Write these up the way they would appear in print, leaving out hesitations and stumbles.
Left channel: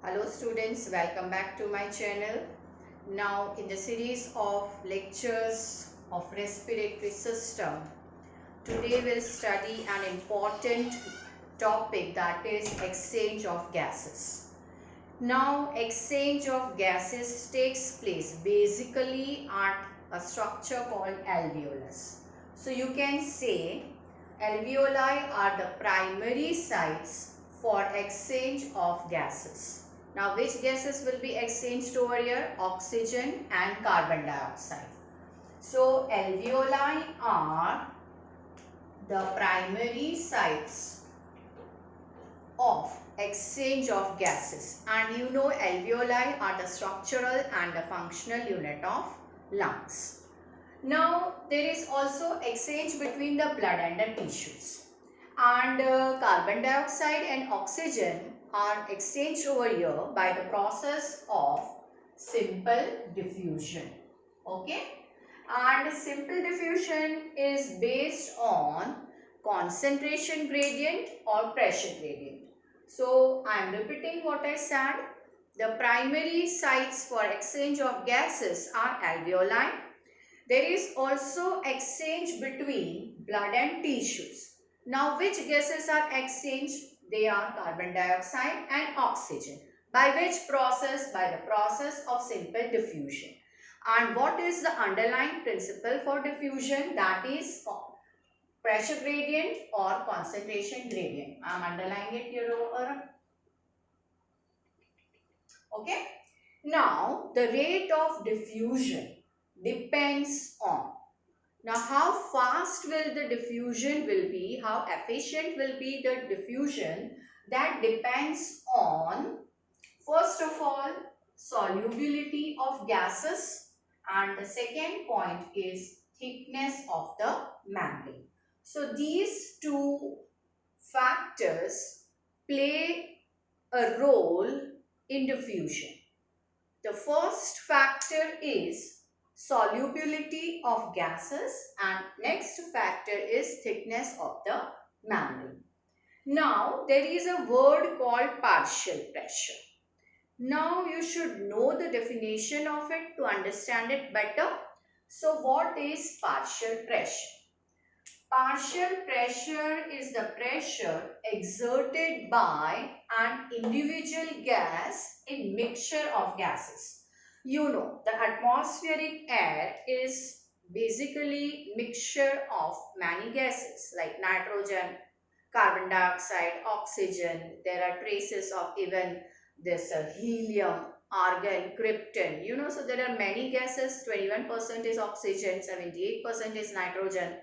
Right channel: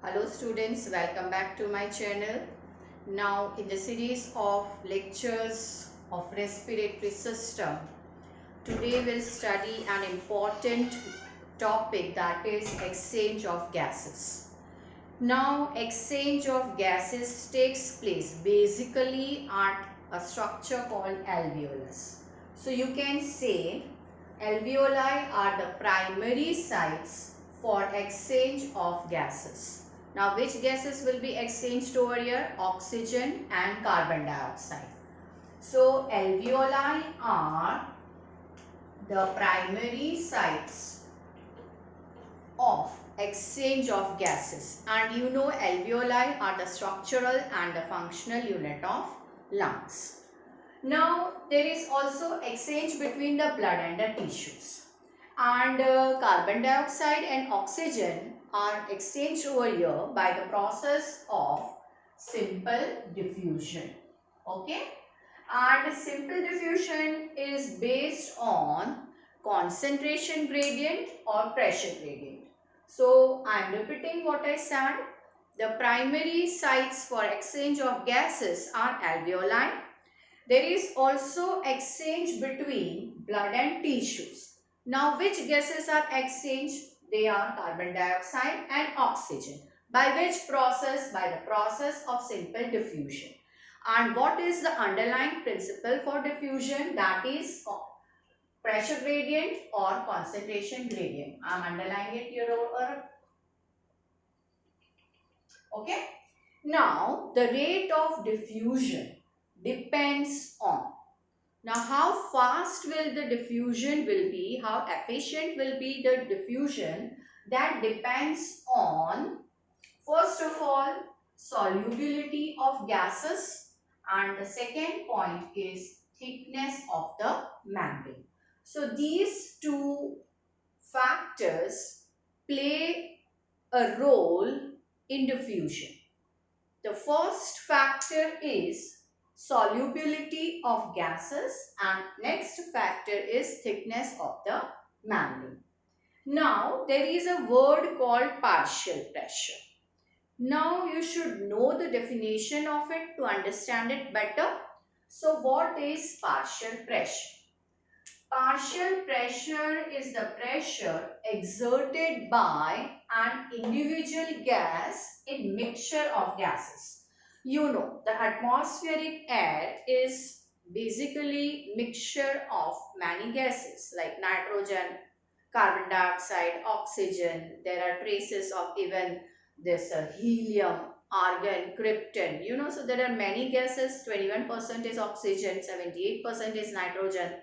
Hello students, welcome back to my channel. Now in the series of lectures of respiratory system, today we'll study an important topic, that is exchange of gases. Now exchange of gases takes place basically at a structure called alveolus. So you can say alveoli are the primary sites for exchange of gases. Now which gases will be exchanged over here? Oxygen and carbon dioxide. So alveoli are the primary sites of exchange of gases, and you know alveoli are the structural and the functional unit of lungs. Now there is also exchange between the blood and the tissues, and carbon dioxide and oxygen are exchanged over here by the process of simple diffusion. Okay, and simple diffusion is based on concentration gradient or pressure gradient. So I am repeating what I said. The primary sites for exchange of gases are alveoli. There is also exchange between blood and tissues. Now which gases are exchanged? They are carbon dioxide and oxygen. By which process? By the process of simple diffusion. And what is the underlying principle for diffusion? That is pressure gradient or concentration gradient. I am underlining it here over. Okay. Now the rate of diffusion depends on, now how fast will the diffusion will be, how efficient will be the diffusion, that depends on, first of all, solubility of gases, and the second point is thickness of the membrane. So these two factors play a role in diffusion. The first factor is solubility of gases, and next factor is thickness of the membrane. Now there is a word called partial pressure. Now you should know the definition of it to understand it better. So what is partial pressure? Partial pressure is the pressure exerted by an individual gas in mixture of gases. You know, the atmospheric air is basically mixture of many gases like nitrogen, carbon dioxide, oxygen. There are traces of even this helium, argon, krypton. You know, so there are many gases. 21% is oxygen, 78% is nitrogen.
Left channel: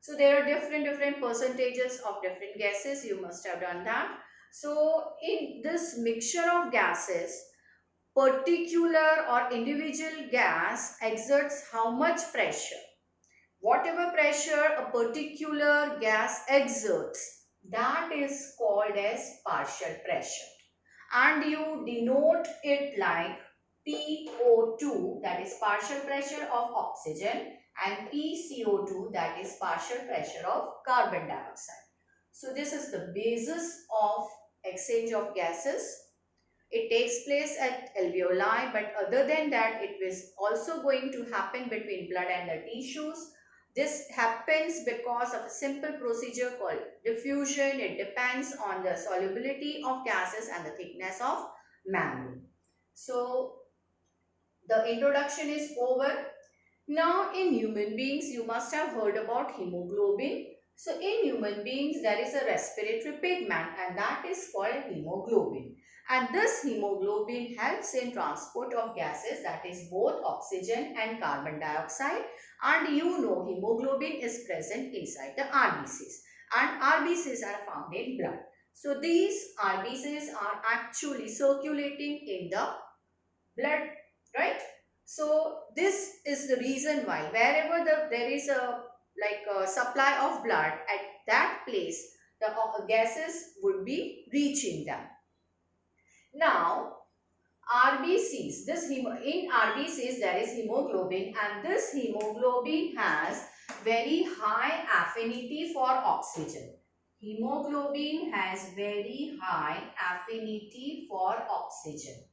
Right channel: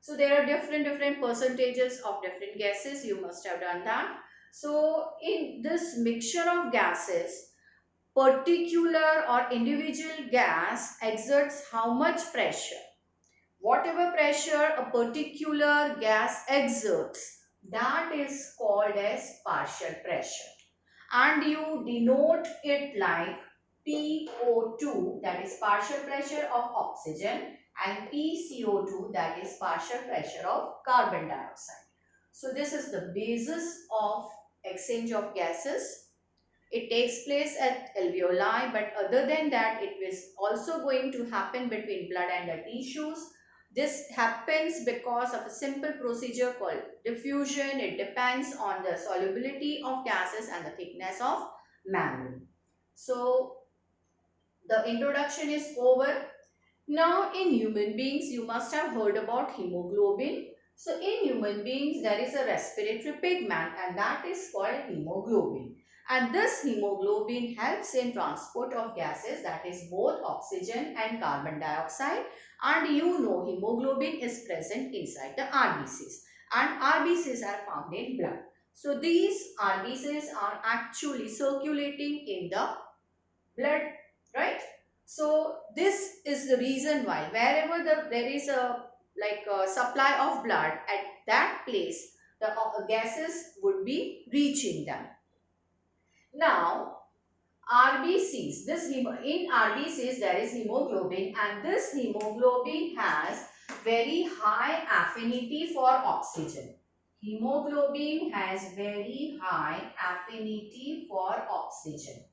So there are different percentages of different gases. You must have done that. So in this mixture of gases, particular or individual gas exerts how much pressure? Whatever pressure a particular gas exerts, that is called as partial pressure. And you denote it like PO2, that is partial pressure of oxygen, and PCO2, that is partial pressure of carbon dioxide. So this is the basis of exchange of gases. It takes place at alveoli, but other than that, it is also going to happen between blood and the tissues. This happens because of a simple procedure called diffusion. It depends on the solubility of gases and the thickness of membrane. So the introduction is over. Now in human beings, you must have heard about hemoglobin. So in human beings, there is a respiratory pigment, and that is called hemoglobin. And this hemoglobin helps in transport of gases, that is both oxygen and carbon dioxide. And you know hemoglobin is present inside the RBCs, and RBCs are found in blood. So these RBCs are actually circulating in the blood, right? So this is the reason why wherever there is a supply of blood, at that place the gases would be reaching them. Now RBCs, in RBCs there is hemoglobin, and this hemoglobin has very high affinity for oxygen. Hemoglobin has very high affinity for oxygen.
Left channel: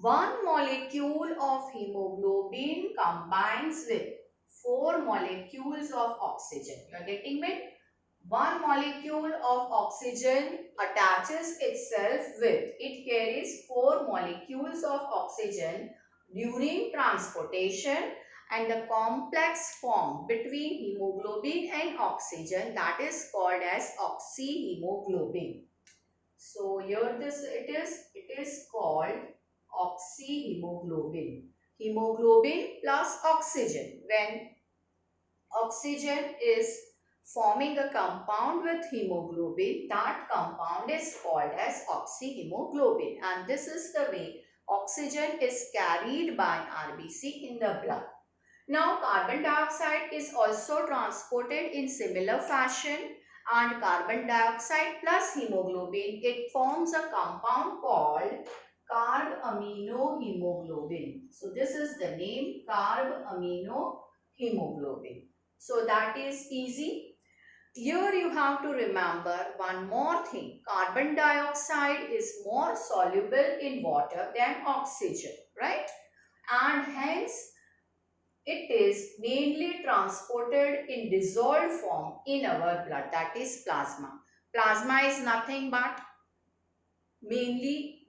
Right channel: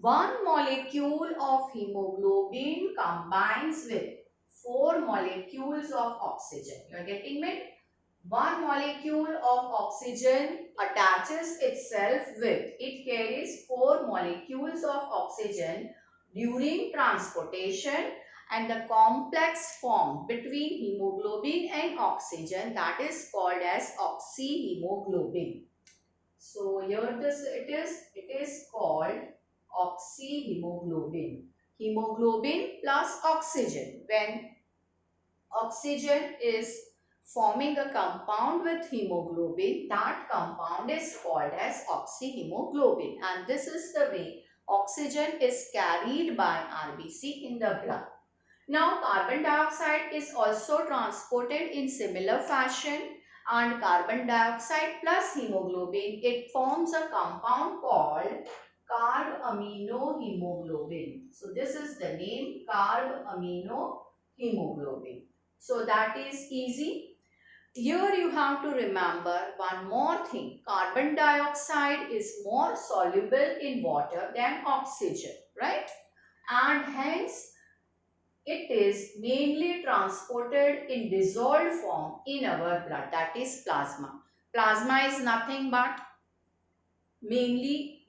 One molecule of hemoglobin combines with 4 molecules of oxygen. You are getting me? One molecule of oxygen attaches itself with, it carries 4 molecules of oxygen during transportation, and the complex formed between hemoglobin and oxygen, that is called as oxyhemoglobin. So here it is called oxyhemoglobin. Hemoglobin plus oxygen. When oxygen is forming a compound with hemoglobin, that compound is called as oxyhemoglobin, and this is the way oxygen is carried by RBC in the blood. Now carbon dioxide is also transported in similar fashion, and carbon dioxide plus hemoglobin, it forms a compound called carbaminohemoglobin. So this is the name, carbaminohemoglobin. So that is easy. Here you have to remember one more thing. Carbon dioxide is more soluble in water than oxygen, right? And hence it is mainly transported in dissolved form in our blood, that is plasma. Plasma is nothing but mainly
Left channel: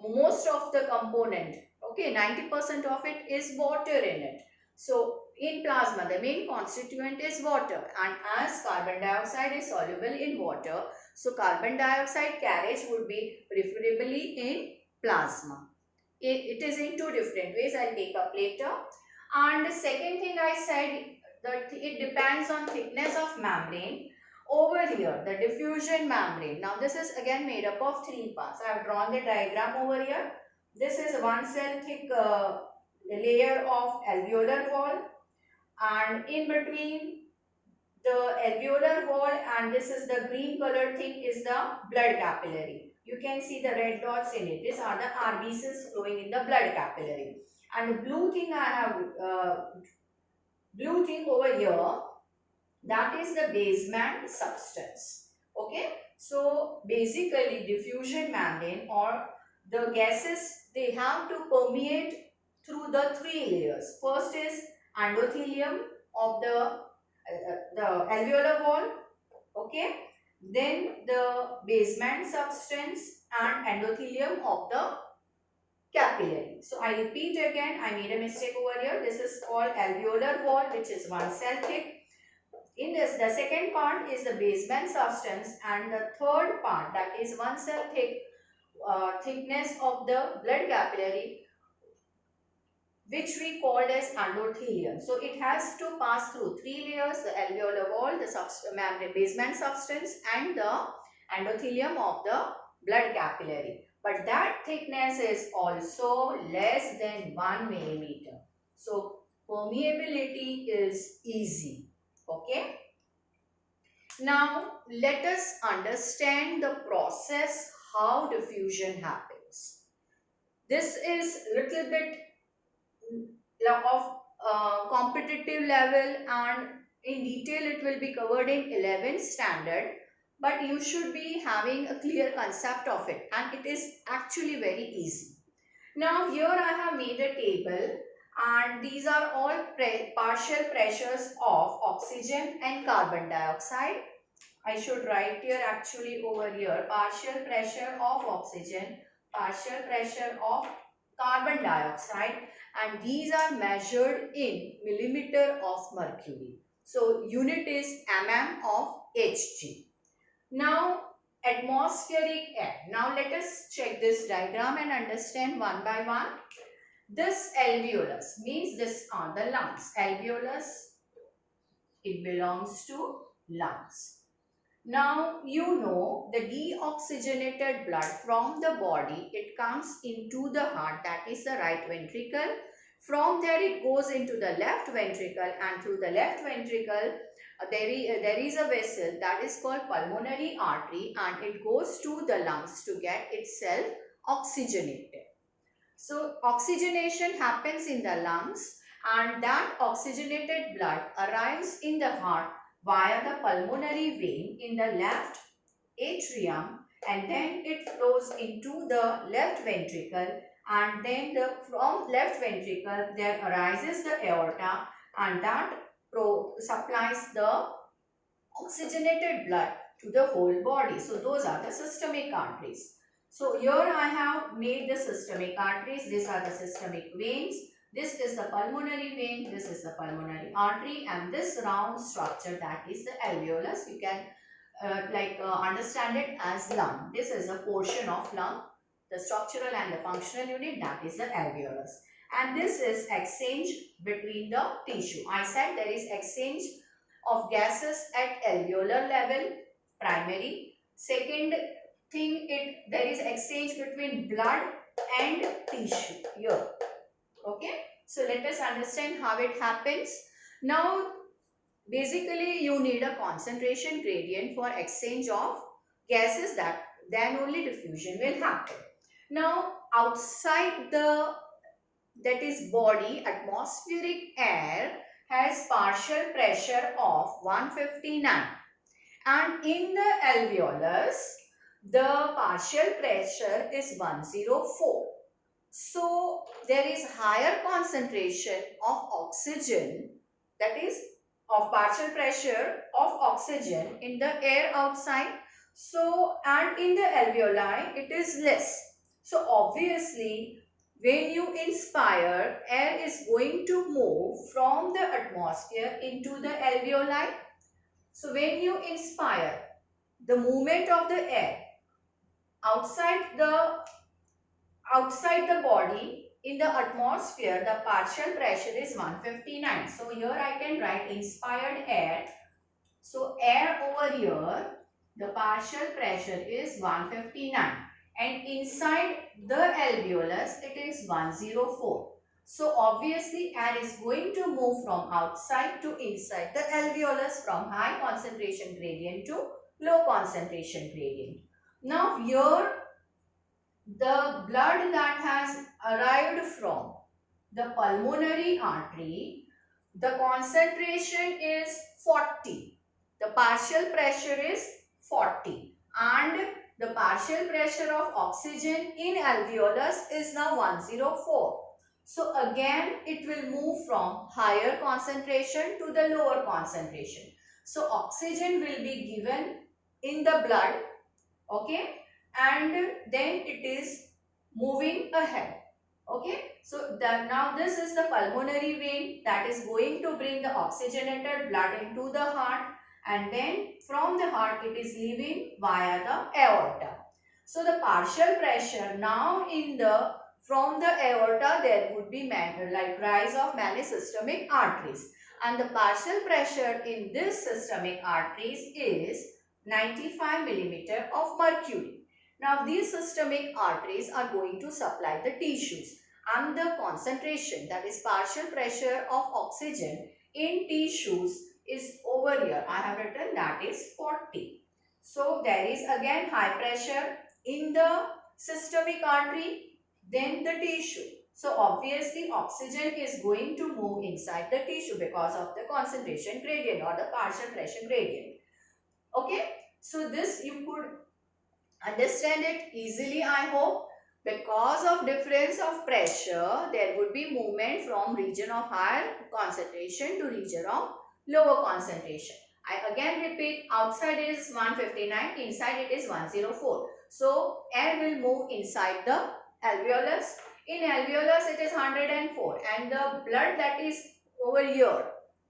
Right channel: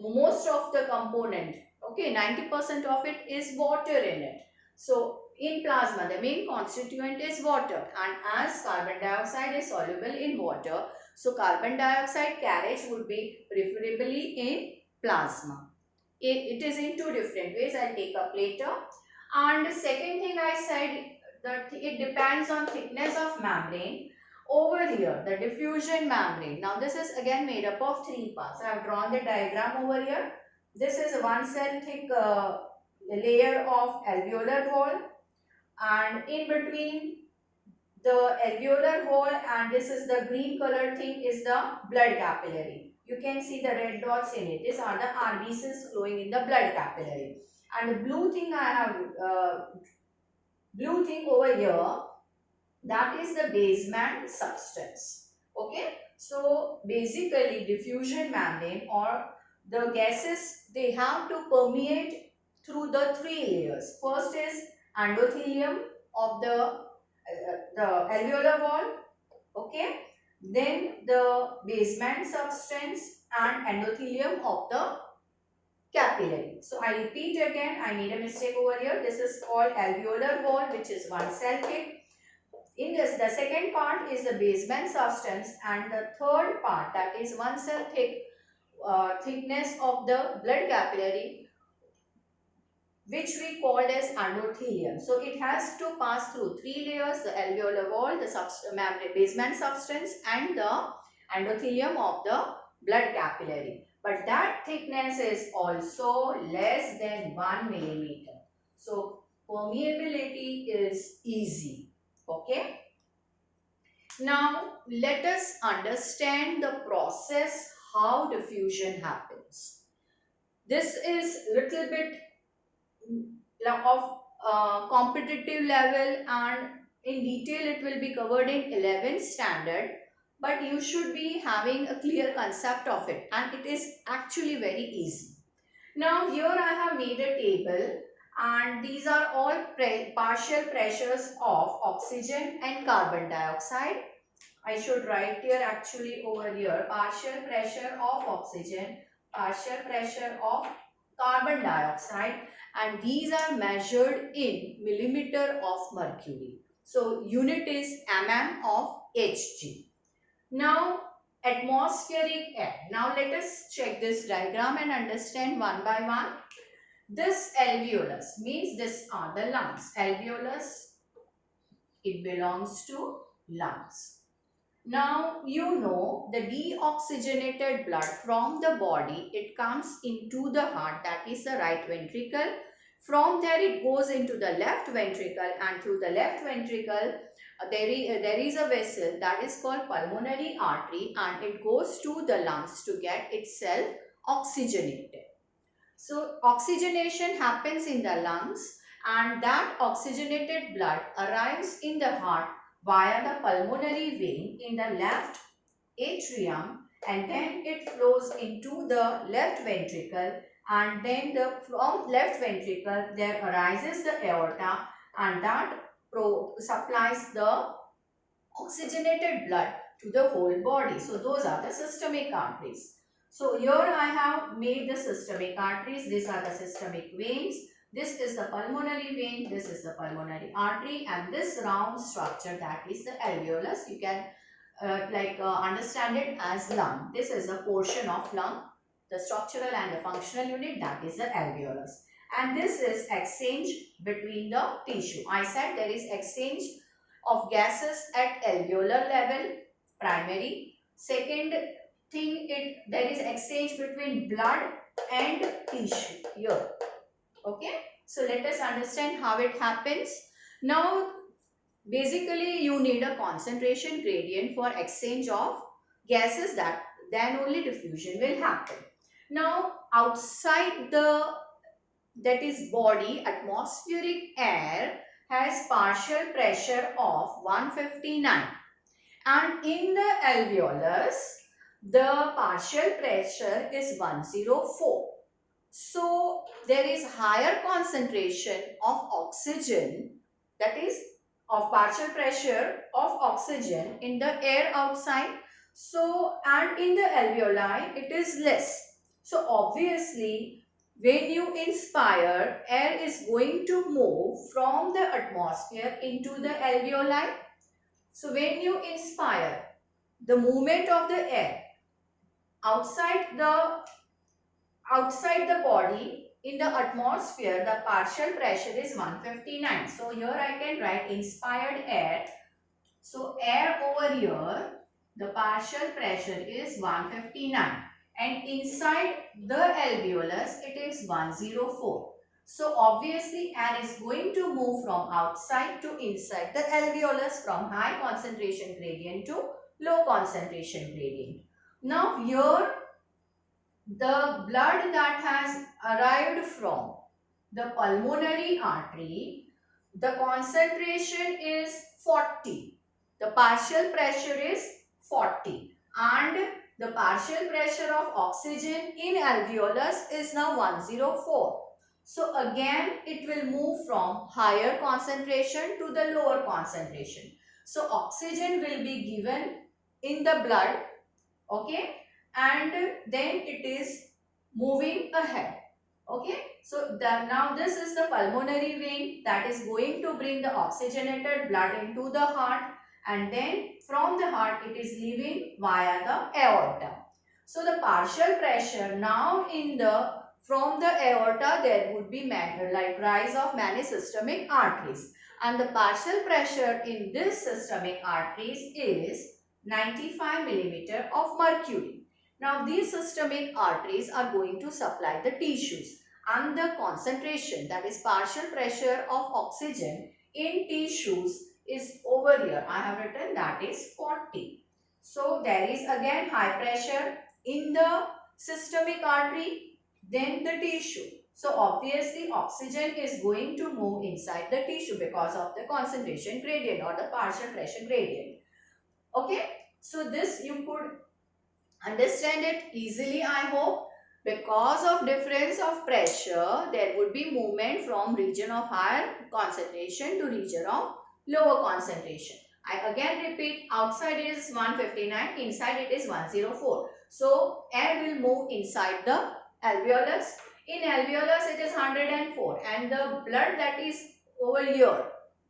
most of the component, okay, 90% of it is water in it. So in plasma, the main constituent is water, and as carbon dioxide is soluble in water, so carbon dioxide carriage would be preferably in plasma. It is in two different ways. I'll take up later. And the second thing I said, that it depends on thickness of membrane. Over here, the diffusion membrane. Now this is again made up of 3 parts. I have drawn the diagram over here. This is one cell thick layer of alveolar wall, and in between the alveolar wall and this is the green colored thing is the blood capillary. You can see the red dots in it. These are the RBCs flowing in the blood capillary. And the blue thing I have, blue thing over here, that is the basement substance. Okay. So basically diffusion membrane or the gases, they have to permeate through the 3 layers. First is endothelium of the alveolar wall, okay, then the basement substance and endothelium of the capillary. So I repeat again, I made a mistake over here. This is called alveolar wall, which is 1 cell thick. In this, the second part is the basement substance, and the third part, that is 1 cell thick thickness of the blood capillary, which we called as endothelium. So it has to pass through 3 layers: the alveolar wall, the basement substance, and the endothelium of the blood capillary. But that thickness is also less than 1 millimeter. So permeability is easy. Okay. Now let us understand the process how diffusion happens. This is little bit of competitive level, and in detail it will be covered in 11th standard, but you should be having a clear concept of it, and it is actually very easy. Now here I have made a table, and these are all partial pressures of oxygen and carbon dioxide. I should write here actually over here, partial pressure of oxygen, partial pressure of carbon dioxide, and these are measured in millimeter of mercury. So unit is mm of Hg. Now atmospheric air. Now let us check this diagram and understand one by one. This alveolus means this are the lungs. Alveolus, it belongs to lungs. Now you know the deoxygenated blood from the body, it comes into the heart, that is the right ventricle. From there it goes into the left ventricle, and through the left ventricle there is a vessel that is called pulmonary artery, and it goes to the lungs to get itself oxygenated. So oxygenation happens in the lungs, and that oxygenated blood arrives in the heart via the pulmonary vein in the left atrium, and then it flows into the left ventricle, and then from left ventricle there arises the aorta, and that supplies the oxygenated blood to the whole body. So those are the systemic arteries. So here I have made the systemic arteries. These are the systemic veins. This is the pulmonary vein. This is the pulmonary artery, and this round structure, that is the alveolus. You can understand it as lung. This is a portion of lung. The structural and the functional unit, that is the alveolus. And this is exchange between the tissue. I said there is exchange of gases at alveolar level, primary. Second thing, there is exchange between blood and tissue here. Okay. So let us understand how it happens. Now, basically you need a concentration gradient for exchange of gases, that then only diffusion will happen. Now, outside the, that is body, atmospheric air has partial pressure of 159, and in the alveolus the partial pressure is 104. So there is higher concentration of oxygen, that is of partial pressure of oxygen in the air outside. So, and in the alveoli it is less. So obviously when you inspire, air is going to move from the atmosphere into the alveoli. So when you inspire, the movement of the air outside the body in the atmosphere, the partial pressure is 159. So here I can write inspired air. So air over here, the partial pressure is 159, and inside the alveolus it is 104. So obviously air is going to move from outside to inside the alveolus, from high concentration gradient to low concentration gradient. Now here, the blood that has arrived from the pulmonary artery, the concentration is 40. The partial pressure is 40, and the partial pressure of oxygen in alveolus is now 104. So again it will move from higher concentration to the lower concentration. So oxygen will be given in the blood, okay, and then it is moving ahead. Okay, so now this is the pulmonary vein that is going to bring the oxygenated blood into the heart, and then from the heart it is leaving via the aorta. So the partial pressure now in the, from the aorta there would be rise of many systemic arteries, and the partial pressure in this systemic arteries is 95 millimeter of mercury. Now these systemic arteries are going to supply the tissues, and the concentration, that is partial pressure of oxygen in tissues, is over here. I have written that is 40. So there is again high pressure in the systemic artery, then the tissue. So obviously oxygen is going to move inside the tissue because of the concentration gradient or the partial pressure gradient. Okay, so this you could understand it easily, I hope. Because of difference of pressure, there would be movement from region of higher concentration to region of lower concentration. I again repeat, outside it is 159, inside it is 104. So air will move inside the alveolus. In alveolus it is 104, and the blood that is over here,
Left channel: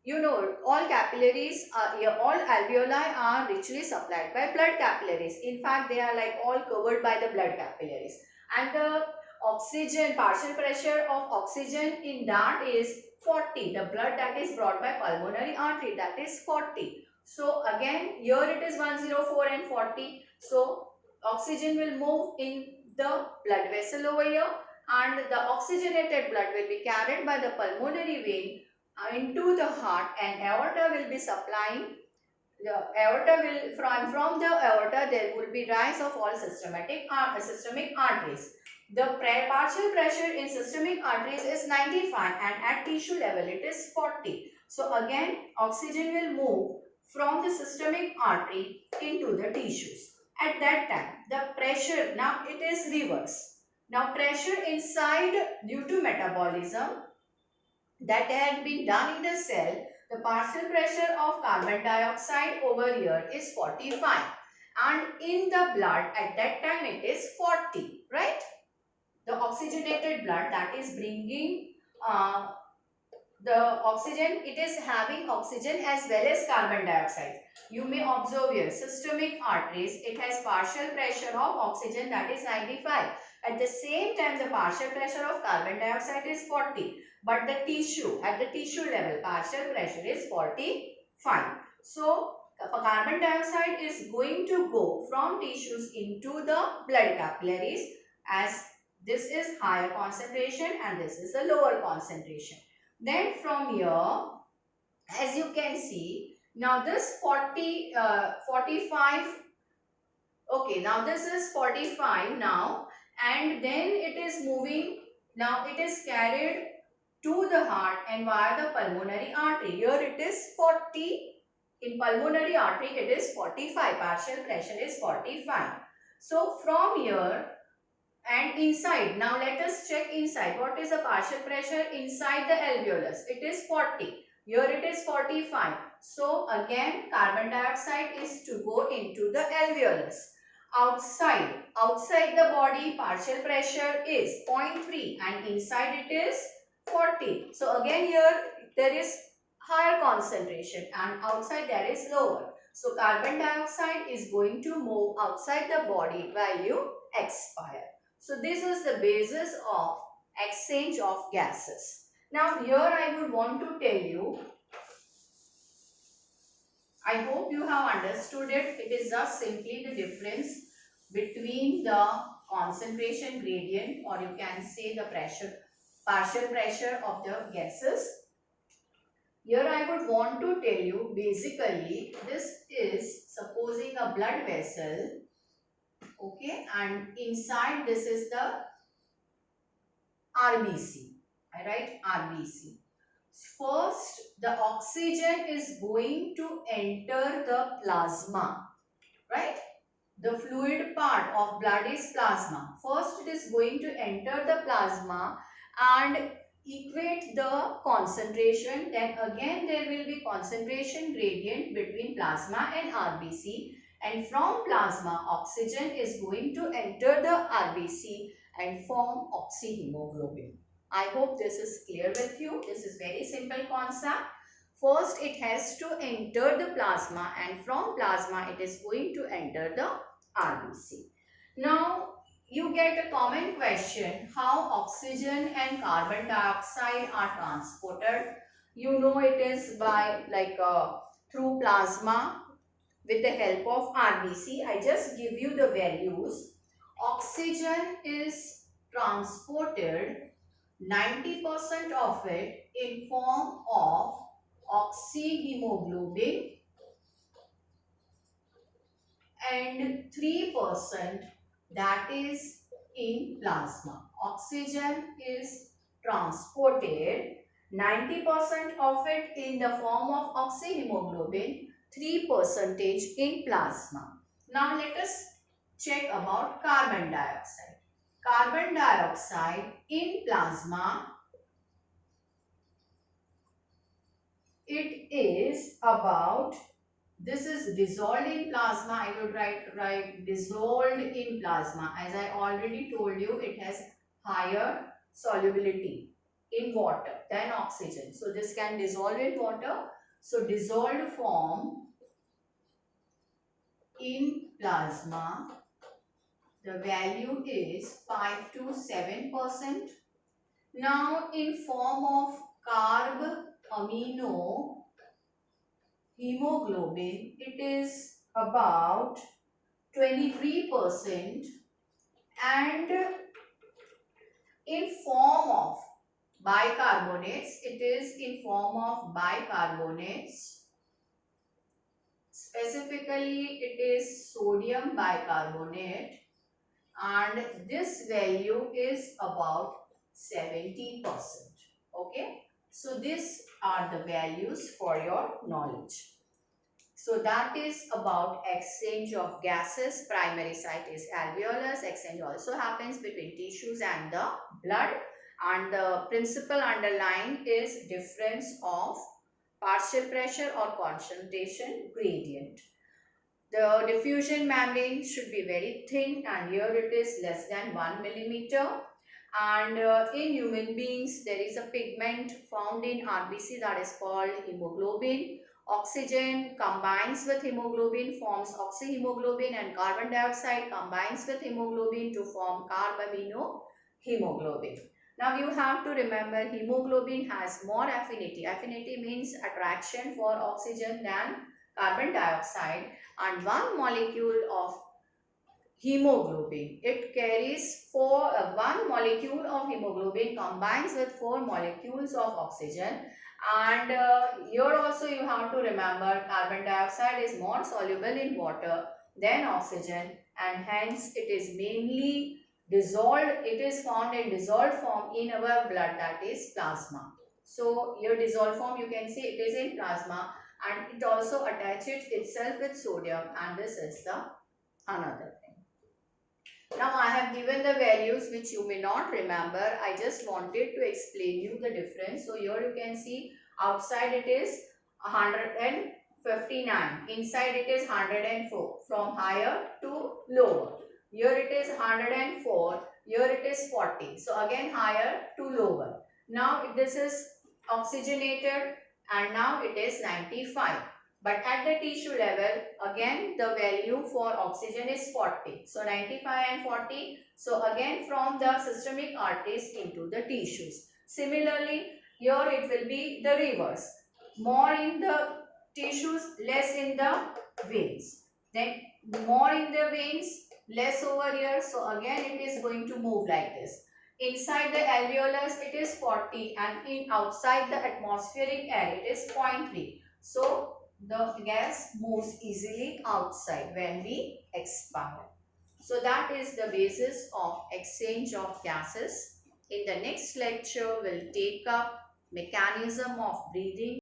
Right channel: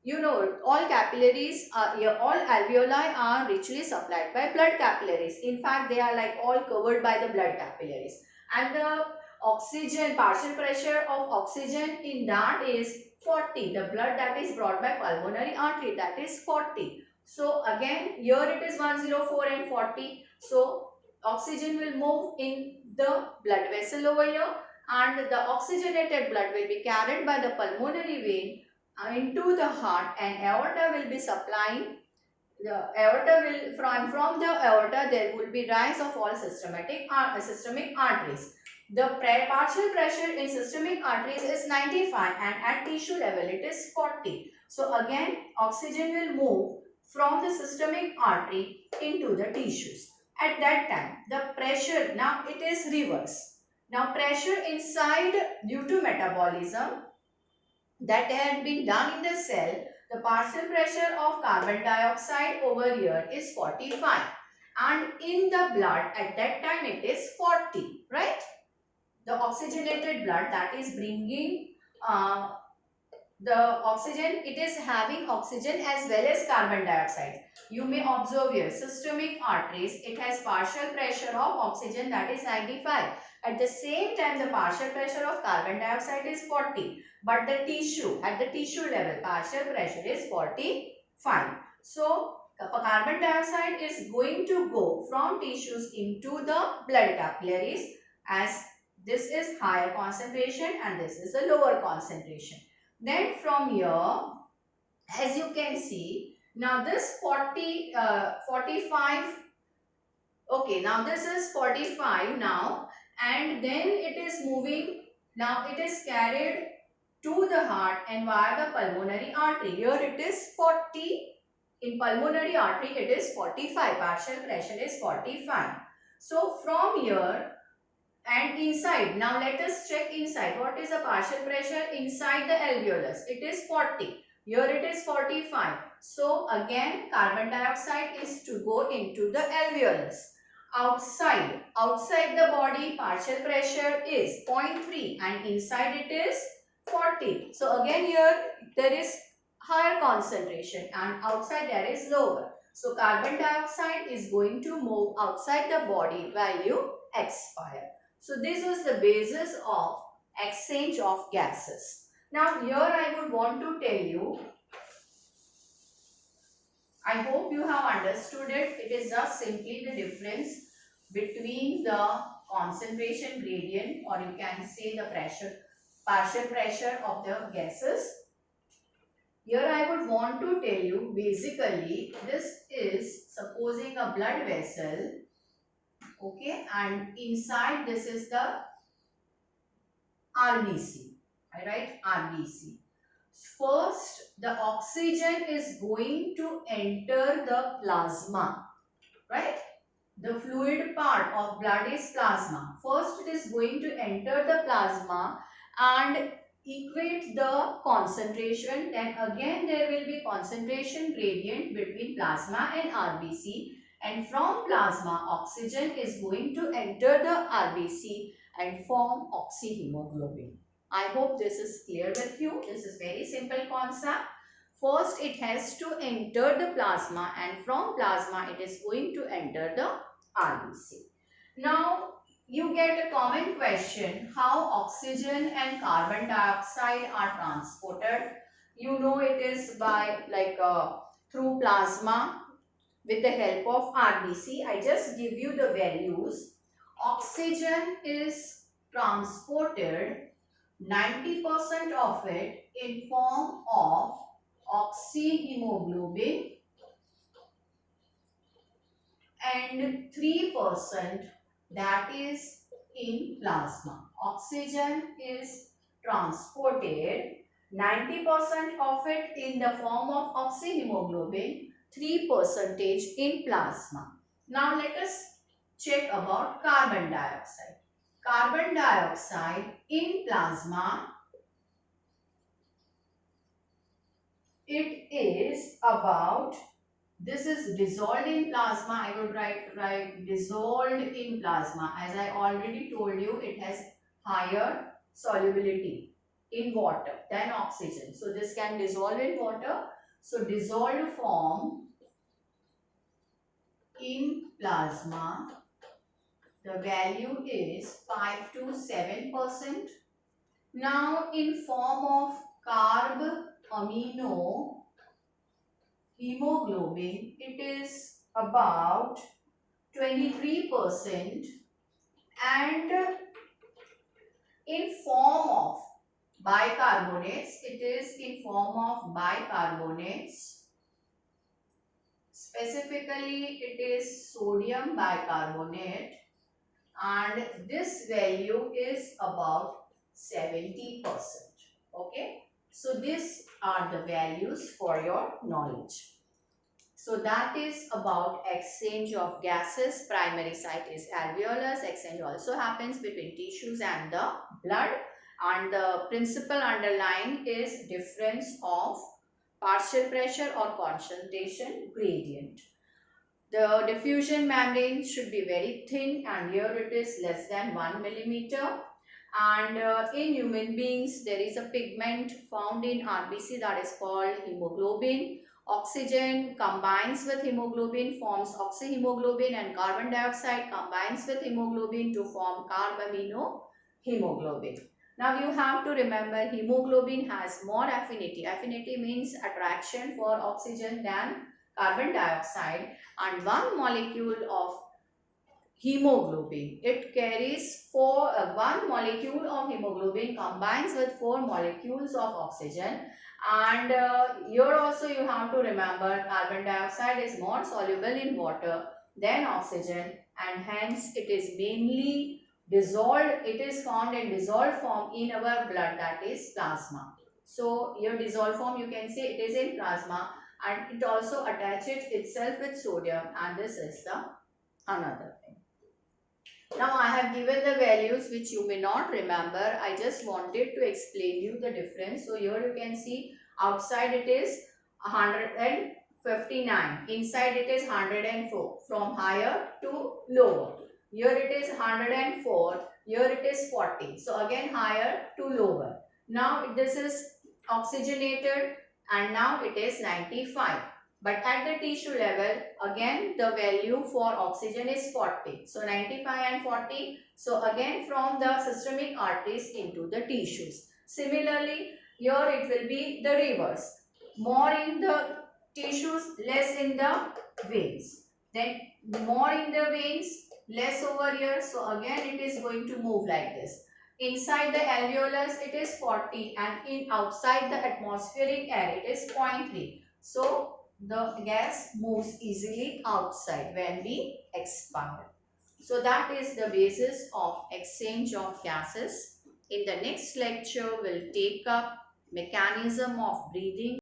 you know, all capillaries are here, all alveoli are richly supplied by blood capillaries. In fact, they are like all covered by the blood capillaries. And the oxygen, partial pressure of oxygen in that is 40. The blood that is brought by pulmonary artery, that is 40. So again, here it is 104 and 40. So oxygen will move in the blood vessel over here, and the oxygenated blood will be carried by the pulmonary vein into the heart, and aorta will be supplying. The aorta will, from the aorta there will be rise of all systemic arteries. The partial pressure in systemic arteries is 95, and at tissue level it is 40. So again oxygen will move from the systemic artery into the tissues. At that time, the pressure, now it is reverse. Now pressure inside due to metabolism that had been done in the cell, the partial pressure of carbon dioxide over here is 45 and in the blood at that time it is 40, right? The oxygenated blood that is bringing the oxygen, it is having oxygen as well as carbon dioxide. You may observe here, systemic arteries, it has partial pressure of oxygen that is 95. At the same time, the partial pressure of carbon dioxide is 40. But the tissue, at the tissue level, partial pressure is 45. So, carbon dioxide is going to go from tissues into the blood capillaries as this is higher concentration and this is a lower concentration. Then from here, as you can see, now this 45, okay, now this is 45 now, and then it is moving, now it is carried to the heart and via the pulmonary artery. Here it is 40, in pulmonary artery it is 45, partial pressure is 45. So from here, and inside, now let us check inside. What is the partial pressure inside the alveolus? It is 40. Here it is 45. So again carbon dioxide is to go into the alveolus. Outside the body partial pressure is 0.3 and inside it is 40. So again here there is higher concentration and outside there is lower. So carbon dioxide is going to move outside the body while you expire. So this is the basis of exchange of gases. Now here I would want to tell you, I hope you have understood it. It is just simply the difference between the concentration gradient, or you can say the pressure, partial pressure of the gases. Here I would want to tell you, basically this is supposing a blood vessel, okay, and inside this is the RBC. I write RBC. First, the oxygen is going to enter the plasma, right? The fluid part of blood is plasma. First, it is going to enter the plasma and equate the concentration. Then again, there will be concentration gradient between plasma and RBC. And from plasma, oxygen is going to enter the RBC and form oxyhemoglobin. I hope this is clear with you. This is very simple concept. First, it has to enter the plasma and from plasma, it is going to enter the RBC. Now, you get a common question, how oxygen and carbon dioxide are transported. You know it is by through plasma with the help of RBC. I just give you the values. Oxygen is transported 90% of it in form of oxyhemoglobin and 3% that is in plasma. Oxygen is transported 90% of it in the form of oxyhemoglobin, 3% in plasma. Now let us check about carbon dioxide. Carbon dioxide in plasma, it is about, this is dissolved in plasma. I will write dissolved in plasma. As I already told you, it has higher solubility in water than oxygen. So this can dissolve in water. So dissolved form in plasma, the value is 5 to 7%. Now in form of carb amino hemoglobin, it is about 23%, and in form of bicarbonates, it is in form of bicarbonates. Specifically, it is sodium bicarbonate, and this value is about 70%. Okay. So these are the values for your knowledge. So that is about exchange of gases. Primary site is alveolus. Exchange also happens between tissues and the blood. And the principle underlying is difference of partial pressure or concentration gradient. The diffusion membrane should be very thin, and here it is less than 1 millimeter. And in human beings, there is a pigment found in RBC that is called hemoglobin. Oxygen combines with hemoglobin, forms oxyhemoglobin, and carbon dioxide combines with hemoglobin to form carbaminohemoglobin. Now you have to remember hemoglobin has more affinity. Affinity means attraction for oxygen than carbon dioxide, and one molecule of hemoglobin, it carries one molecule of hemoglobin combines with 4 molecules of oxygen. And here also you have to remember carbon dioxide is more soluble in water than oxygen, and hence it is mainly dissolved, it is found in dissolved form in our blood, that is plasma. So your dissolved form you can say it is in plasma, and it also attaches itself with sodium, and this is the another thing. Now I have given the values which you may not remember. I just wanted to explain you the difference. So here you can see outside it is 159, inside it is 104, from higher to lower. Here it is 104, here it is 40. So again higher to lower. Now this is oxygenated, and now it is 95. But at the tissue level, again the value for oxygen is 40. So 95 and 40. So again from the systemic arteries into the tissues. Similarly, here it will be the reverse. More in the tissues, less in the veins. Then more in the veins, less over here. So again it is going to move like this. Inside the alveolus it is 40, and in outside the atmospheric air it is 0.3. So the gas moves easily outside when we expand. So that is the basis of exchange of gases. In the next lecture, we'll take up mechanism of breathing.